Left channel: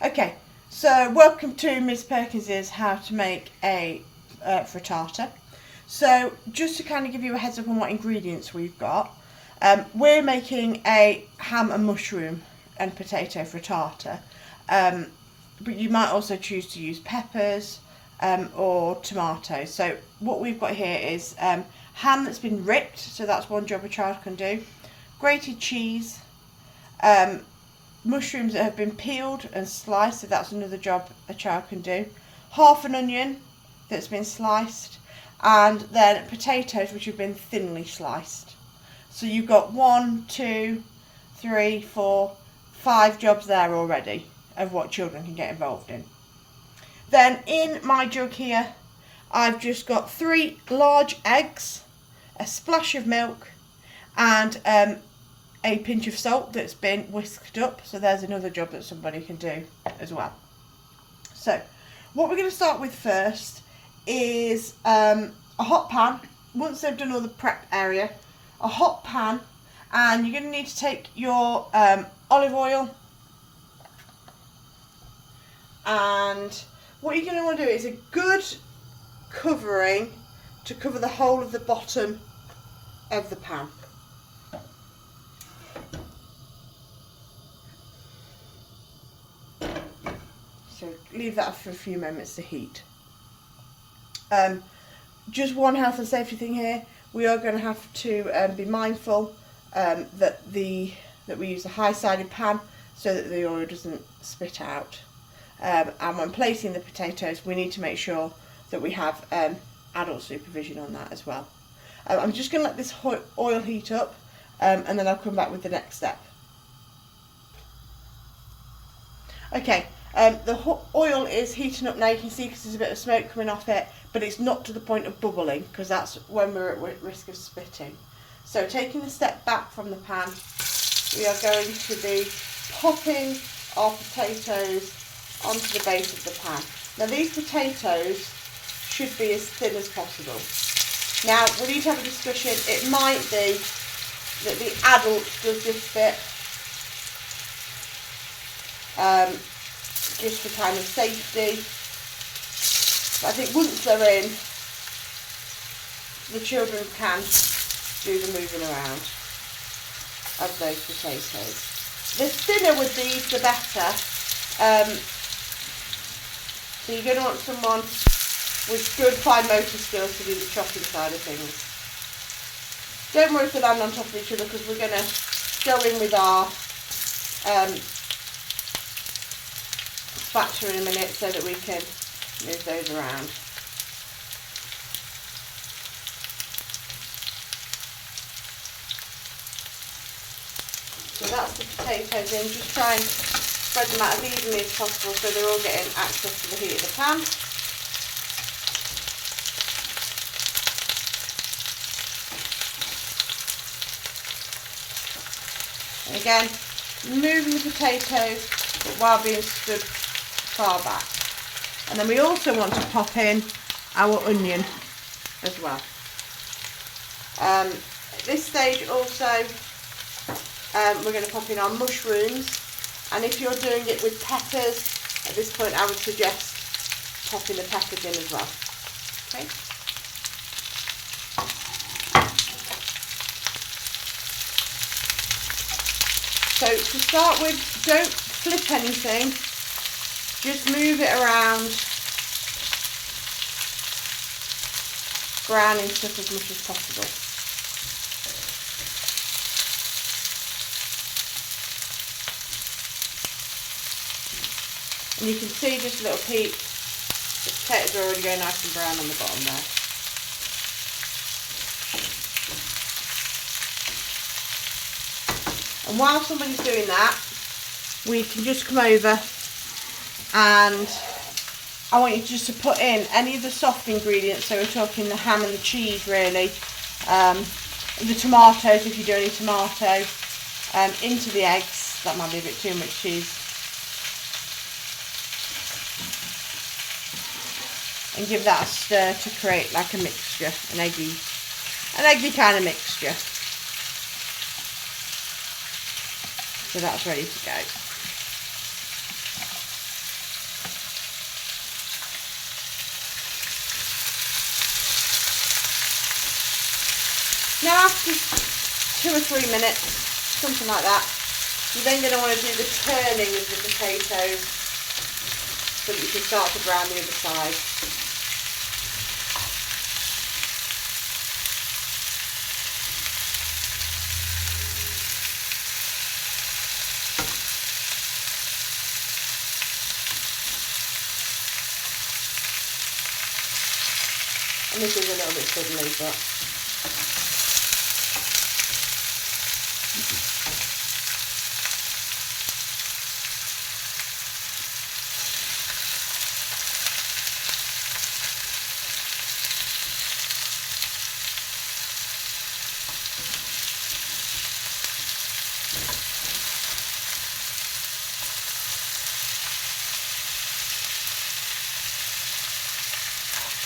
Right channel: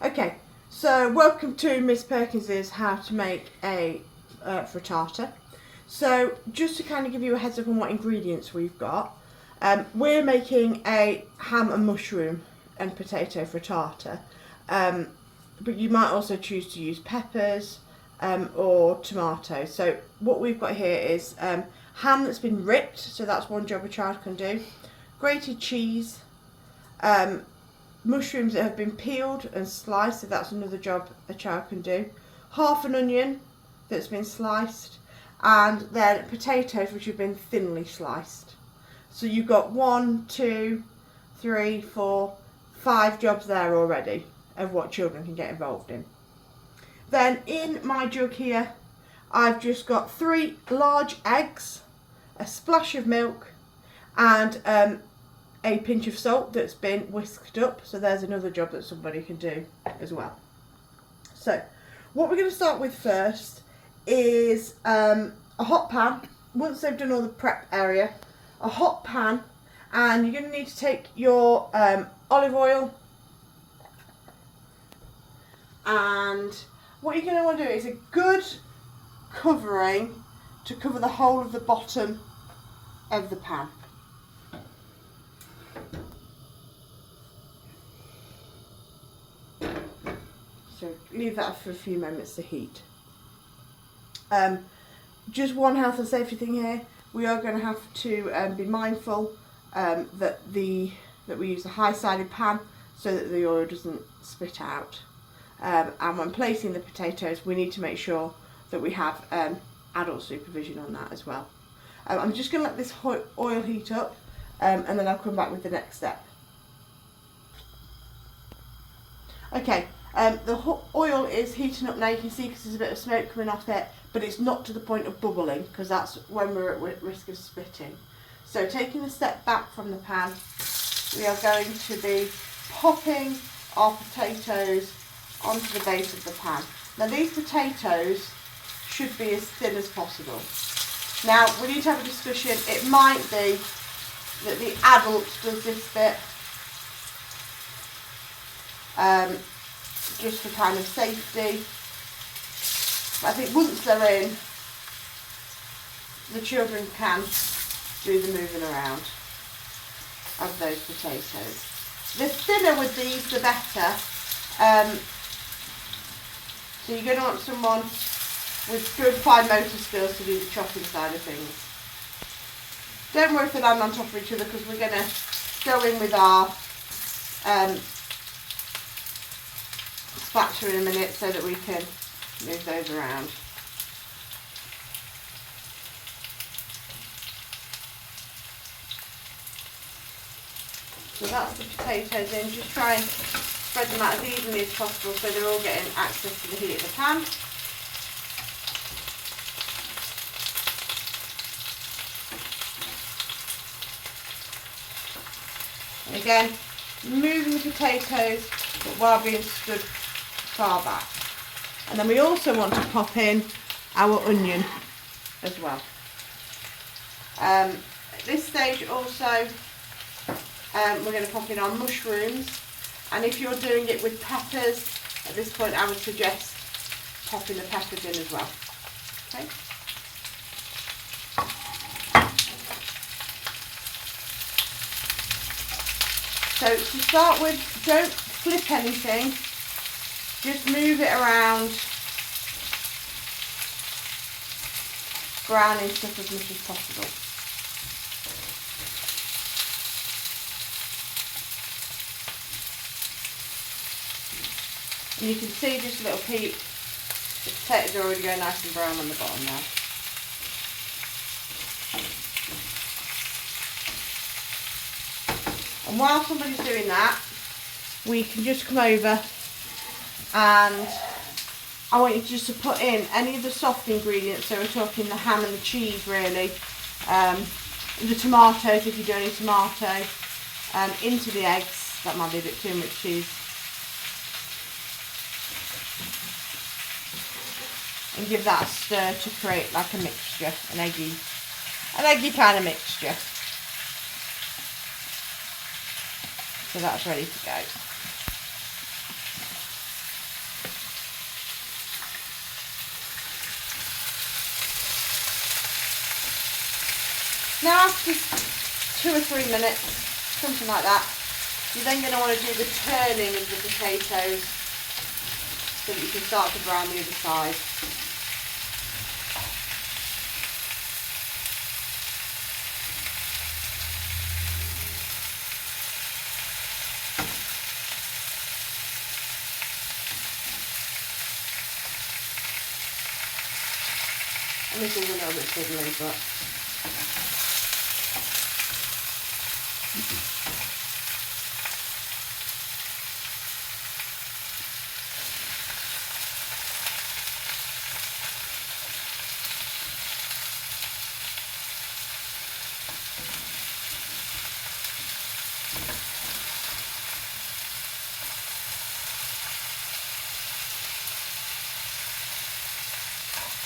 Okay, so welcome to Miss Perkins's How to Make a Frittata. So just to kind of give you a heads up on what ingredients we've got, we're making a ham and mushroom and potato frittata, but you might also choose to use peppers or tomatoes. So what we've got here is ham that's been ripped, so that's one job a child can do, grated cheese, mushrooms that have been peeled and sliced, so that's another job a child can do, half an onion that's been sliced, and then potatoes which have been thinly sliced. So you've got 1, 2, 3, 4, 5 jobs there already of what children can get involved in. Then in my jug here I've just got 3 large eggs, a splash of milk, and a pinch of salt that's been whisked up. So there's another job that somebody can do as well. So what we're going to start with first is a hot pan. Once they've done all the prep area, a hot pan, and you're going to need to take your olive oil, and what you're going to want to do is a good covering to cover the whole of the bottom of the pan. So leave that for a few moments to heat. Just one health and safety thing here. We are going to have to be mindful that we use a high-sided pan so that the oil doesn't spit out. And when placing the potatoes, we need to make sure that we have adult supervision on that as well. I'm just going to let this oil heat up, and then I'll come back with the next step. Okay. The oil is heating up now. You can see because there's a bit of smoke coming off it, but it's not to the point of bubbling because that's when we're at risk of spitting. So taking a step back from the pan, we are going to be popping our potatoes onto the base of the pan. Now these potatoes should be as thin as possible. Now we need to have a discussion. It might be that the adult does this bit just for kind of safety, but I think once they're in, the children can do the moving around of those potatoes. The thinner with these, the better. So you're going to want someone with good fine motor skills to do the chopping side of things. Don't worry if they land on top of each other, because we're going to go in with our spatula in a minute so that we can move those around. So that's the potatoes in. Just try and spread them out as evenly as possible so they're all getting access to the heat of the pan. And again, moving the potatoes, but while being stood far back. And then we also want to pop in our onion as well. At this stage also we're going to pop in our mushrooms, and if you're doing it with peppers, at this point I would suggest popping the peppers in as well. Okay. So to start with, don't flip anything, just move it around, browning stuff as much as possible. And you can see just a little peek, the potatoes are already going nice and brown on the bottom there. And while somebody's doing that, we can just come over, and I want you just to put in any of the soft ingredients. So we're talking the ham and the cheese really, the tomatoes if you do any tomato, into the eggs. That might be a bit too much cheese. And give that a stir to create like a mixture, an eggy kind of mixture. So that's ready to go. Now after 2 or 3 minutes, something like that, you're then going to want to do the turning of the potatoes so that you can start to brown the other side. And this is a little bit fiddly, but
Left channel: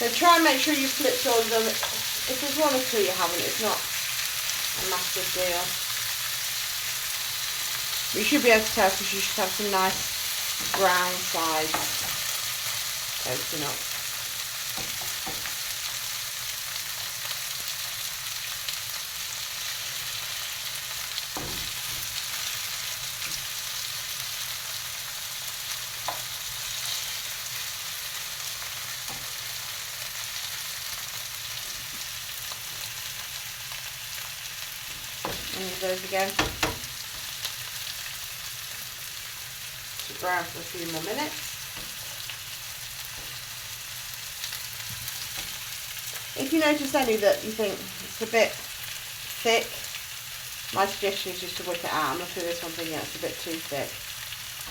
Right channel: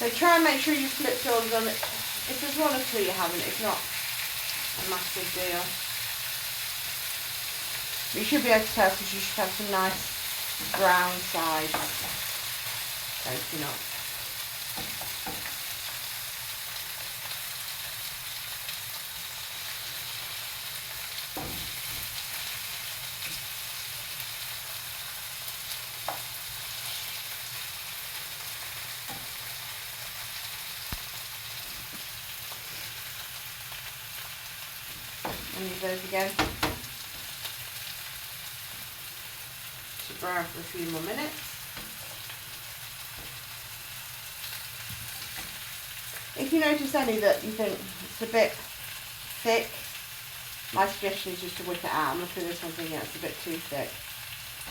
so try and make sure you flipped all of them. If there's one or two you haven't, it's not a massive deal. You should be able to tell because you should have some nice brown sides coating up. And those again. To brown for a few more minutes. If you notice any that you think it's a bit thick, my suggestion is just to whip it out. I'm looking at this one thinking it's a bit too thick.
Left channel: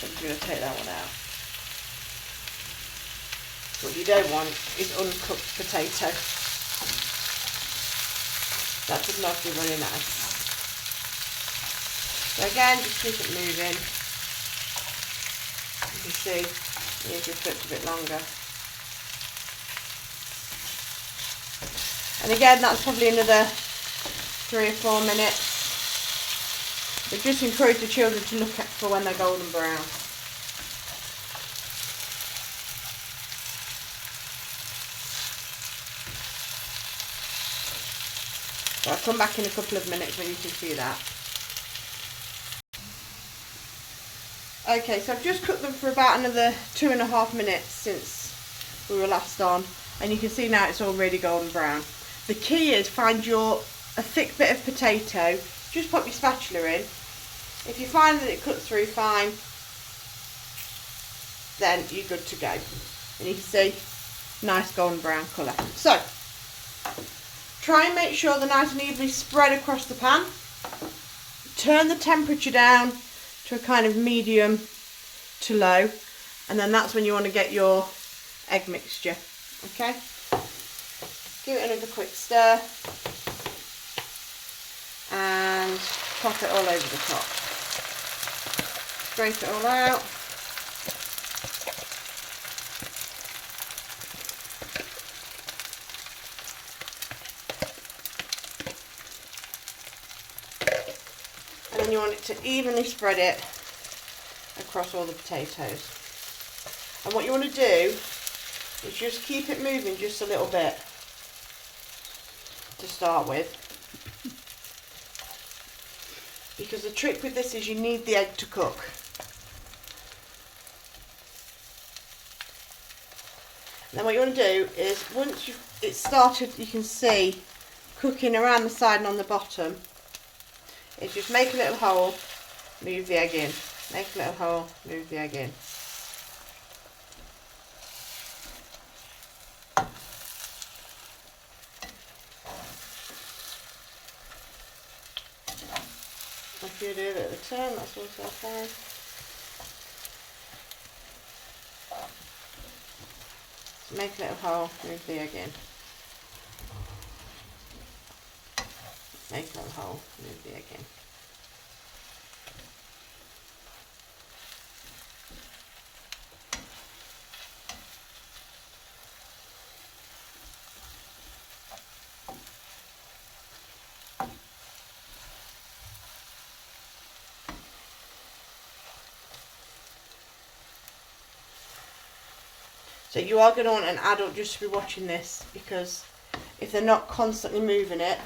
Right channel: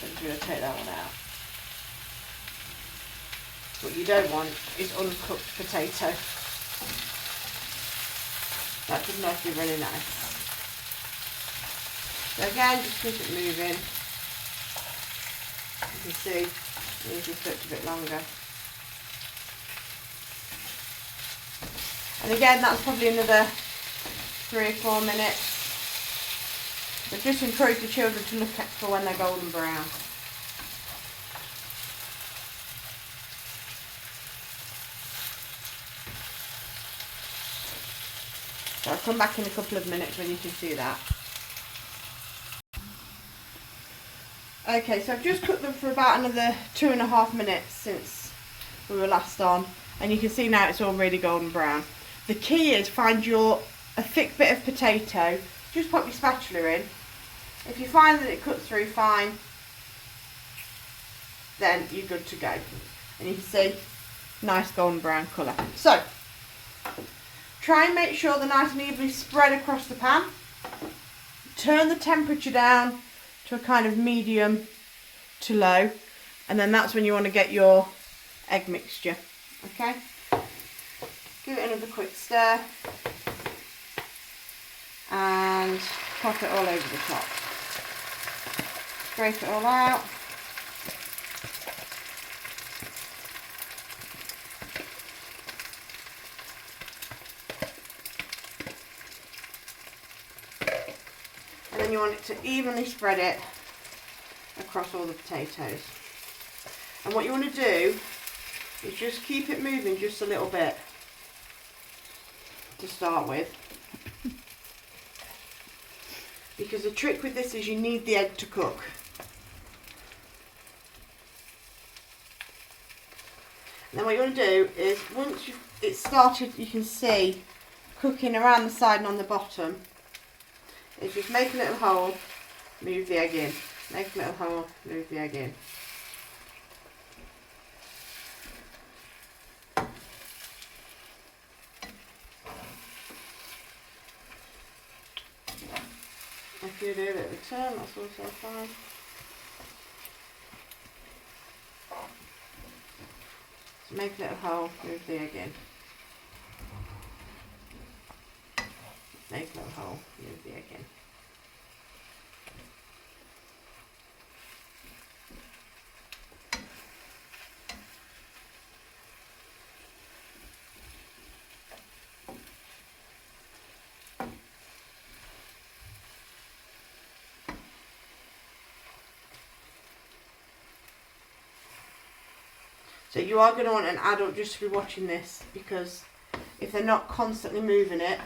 So I'm going to take that one out. What you don't want is uncooked potato. That would not be really nice. So again, just keep it moving. You can see, it just flipped a bit longer. And again, that's probably another 3 or 4 minutes. But just encourage the children to look at for when they're golden brown. So I'll come back in a couple of minutes when you can see that. Okay, so I've just cooked them for about another 2.5 minutes since we were last on, and you can see now it's all really golden brown. The key is find a thick bit of potato, just pop your spatula in. If you find that it cuts through fine, then you're good to go. And you can see nice golden brown colour. So try and make sure they're nice and evenly spread across the pan. Turn the temperature down to a kind of medium to low, and then that's when you want to get your egg mixture. Okay, give it another quick stir and pop it all over the top. Scrape it all out. And then you want it to evenly spread it across all the potatoes. And what you want to do is just keep it moving just a little bit to start with. Because the trick with this is you need the egg to cook. And then what you want to do is once it's started, you can see cooking around the side and on the bottom, is just make a little hole, move the egg in. Make a little hole, move the egg in. If you do a bit of a turn, that's also fine. So make a little hole, move the egg in. Make a little hole, move the egg in. So you are going to want an adult just to be watching this, because if they're not constantly moving it,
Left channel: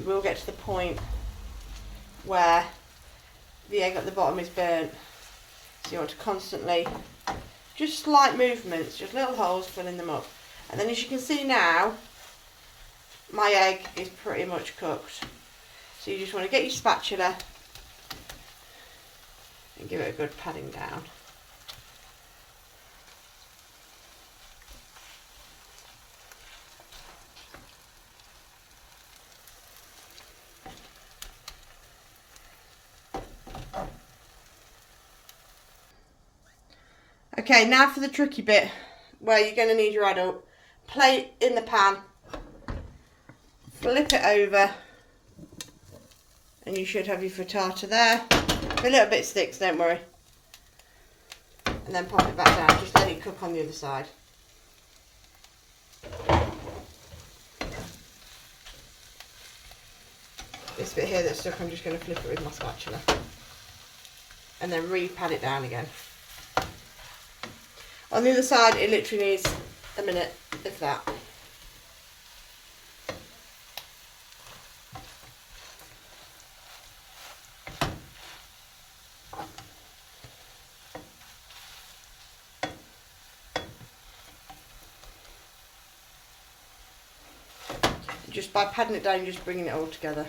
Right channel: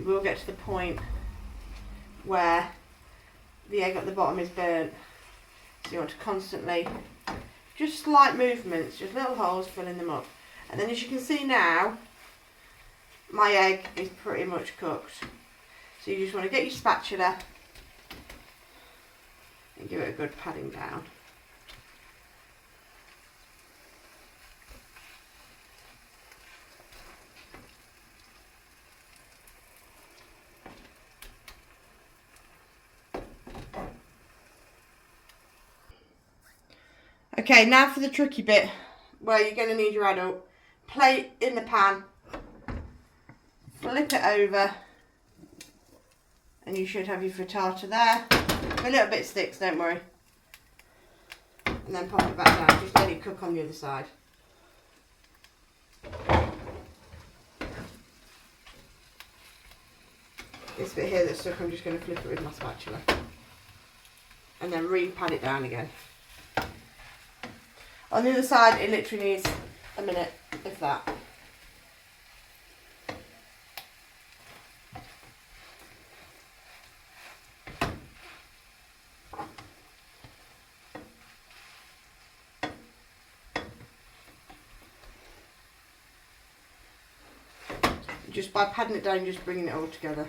you will get to the point where the egg at the bottom is burnt. So you want to constantly, just slight movements, just little holes, filling them up. And then as you can see now, my egg is pretty much cooked. So you just want to get your spatula and give it a good patting down. Okay, now for the tricky bit where you're going to need your adult. Plate in the pan, flip it over, and you should have your frittata there. If a little bit sticks, don't worry. And then pop it back down, just let it cook on the other side. This bit here that's stuck, I'm just going to flip it with my spatula. And then re-pan it down again. On the other side, it literally needs a minute, if that. Just by patting it down, just bringing it all together.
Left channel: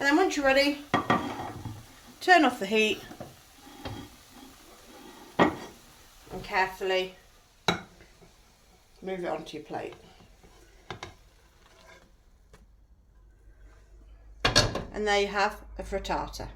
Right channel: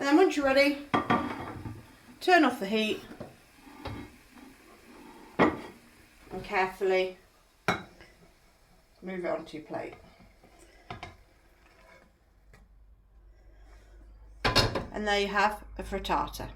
And then once you're ready, turn off the heat and carefully move it onto your plate. And there you have a frittata.